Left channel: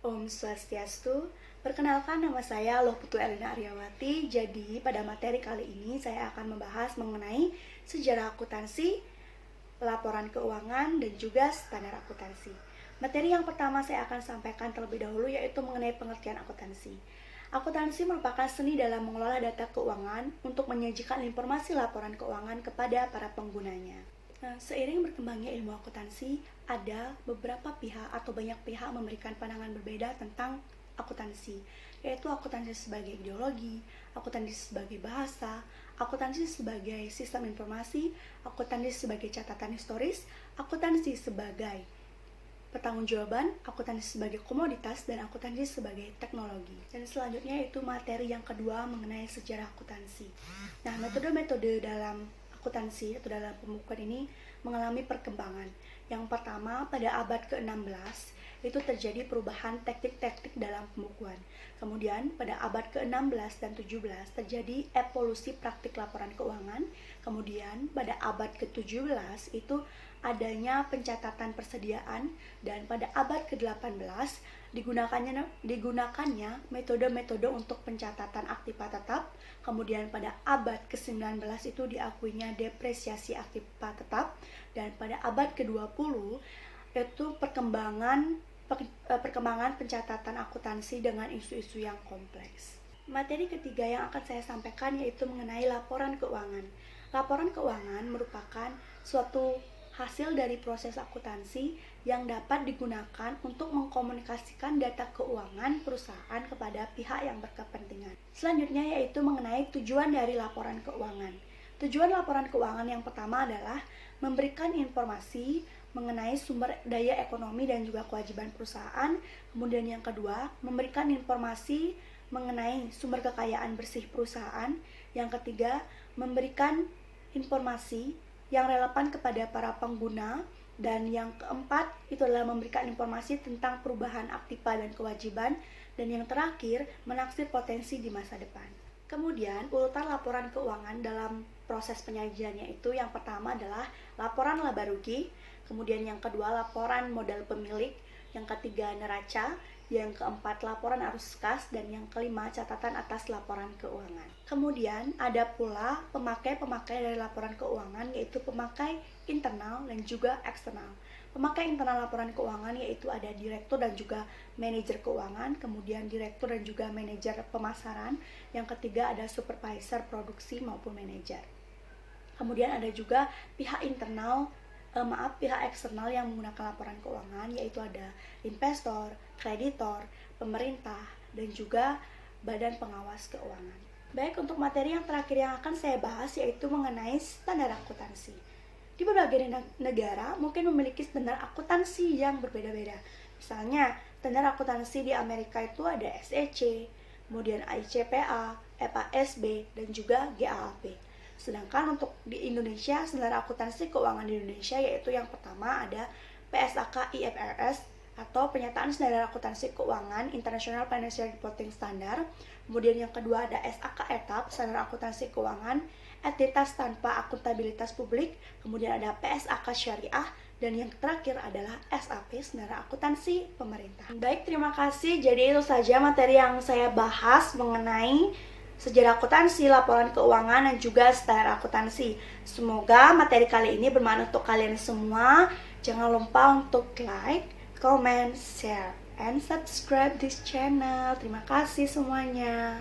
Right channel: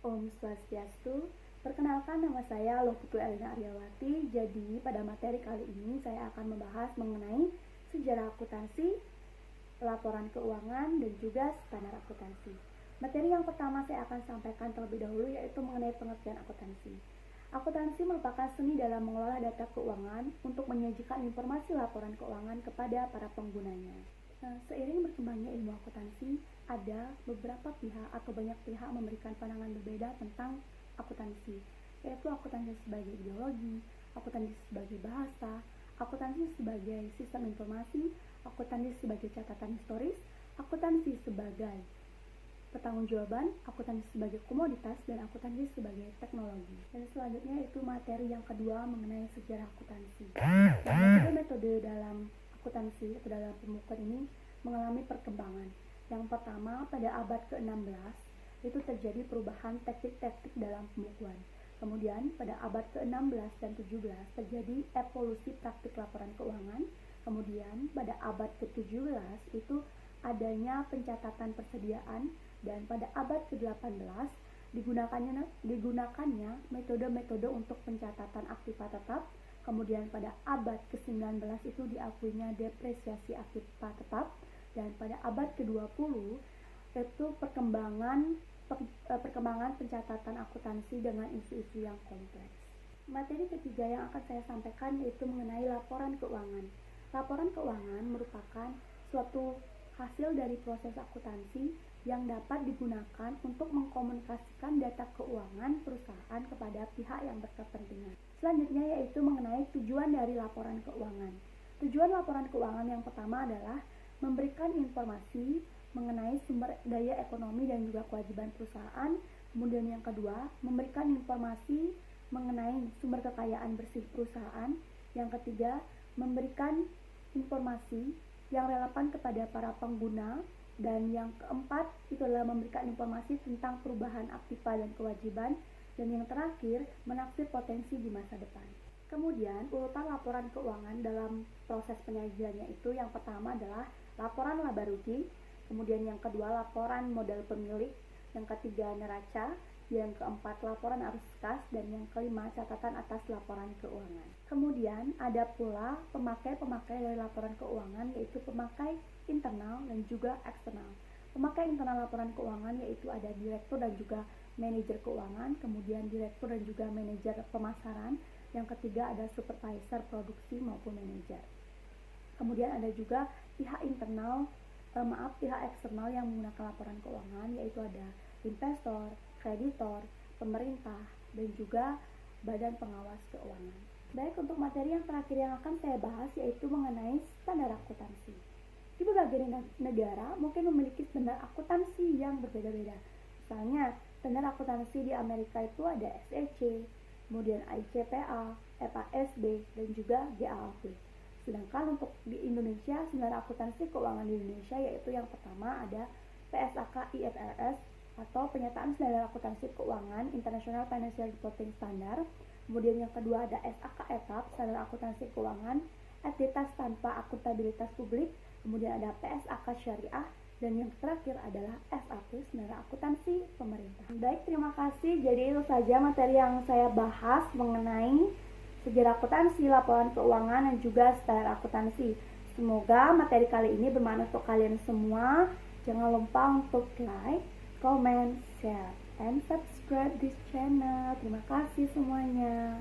Om Swastiastu. Perkenalkan, nama saya Loputu Elina Aryawati. Jadi pada materi kali ini saya akan membahas mengenai sejarah akuntansi, laporan keuangan, dan juga standar akuntansi. Materi yang pertama saya akan sampaikan terlebih dahulu yaitu mengenai pengertian akuntansi. Akuntansi merupakan seni dalam mengelola data keuangan untuk menyajikan informasi laporan keuangan kepada para penggunanya. Nah, seiring berkembangnya ilmu akuntansi, ada beberapa pihak atau banyak pihak memberikan pandangan berbeda tentang akuntansi, yaitu akuntansi sebagai ideologi, akuntansi sebagai bahasa, akuntansi sebagai sistem informasi, akuntansi sebagai catatan historis, akuntansi sebagai pertanggungjawaban, akuntansi sebagai komoditas, dan akuntansi sebagai teknologi. Dan selanjutnya itu materi yang kedua mengenai sejarah akuntansi. Nah, metode-metode dalam akuntansi atau dalam pembukuan ini mengalami perkembangan. Yang pertama, pada abad ke-16 itu terjadi perubahan teknik-teknik dalam pembukuan. Kemudian pada abad ke-16 dan 17 terjadi evolusi praktik laporan keuangan. Kemudian pada abad ke-17 itu adanya pencatatan persediaan, dan pada abad ke-18 digunakannya metode-metode untuk pencatatan aktiva tetap. Kemudian pada abad ke-19 itu diakuinya depresiasi aktiva tetap, dan pada abad ke-20 itu perkembangan pencatatan akuntansi dengan isu-isu yang kompleks. Materi ketiga yang akan saya sampaikan yaitu mengenai laporan keuangan. Laporan keuangan merupakan suatu hasil dari proses akuntansi yang dapat digunakan untuk mengkomunikasikan data keuangan perusahaan kepada pihak yang berkepentingan. Selanjutnya yaitu mengenai tujuan dari laporan keuangan. Tujuan laporan keuangan yang pertama adalah memberikan informasi mengenai sumber daya ekonomi dan juga kewajiban perusahaan. Kemudian yang kedua, memberikan informasi mengenai sumber kekayaan bersih perusahaan. Yang ketiga, memberikan informasi yang relevan kepada para pengguna. Dan yang keempat, itu adalah memberikan informasi tentang perubahan aktiva dan kewajiban. Dan yang terakhir, menaksir potensi di masa depan. Kemudian, urutan laporan keuangan dalam proses penyajiannya itu yang pertama adalah laporan laba rugi, kemudian yang kedua laporan modal pemilik, yang ketiga neraca, yang keempat laporan arus kas, dan yang kelima catatan atas laporan keuangan. Kemudian ada pula pemakai-pemakai dari laporan keuangan, yaitu pemakai internal dan juga eksternal. Pemakai internal laporan keuangan yaitu ada direktur dan juga manajer keuangan, kemudian direktur dan juga manajer pemasaran, yang ketiga ada supervisor produksi maupun manajer. Kemudian ada juga pihak eksternal yang menggunakan laporan keuangan, yaitu ada investor, kreditor, pemerintah, dan juga badan pengawas keuangan. Baik, untuk materi yang terakhir yang akan saya bahas yaitu mengenai standar akuntansi. Di berbagai negara mungkin memiliki standar akuntansi yang berbeda-beda. Misalnya, standar akuntansi di Amerika itu ada SEC, kemudian ICPA, FASB, dan juga GAAP. Sedangkan untuk di Indonesia, standar akuntansi keuangan di Indonesia yaitu yang pertama ada PSAK IFRS atau Penyataan Standar Akuntansi Keuangan International Financial Reporting Standard. Kemudian yang kedua ada SAK ETAP, Standar Akuntansi Keuangan Entitas Tanpa Akuntabilitas Publik. Kemudian ada PSAK Syariah, dan yang terakhir adalah SAP, Standar Akuntansi Pemerintah. Baik, terima kasih. Jadi itu saja materi yang saya bahas mengenai sejarah akuntansi, laporan keuangan, dan juga standar akuntansi. Semoga materi kali ini bermanfaat untuk kalian semua. Jangan lupa untuk like, comment, share, and subscribe this channel. Terima kasih semuanya.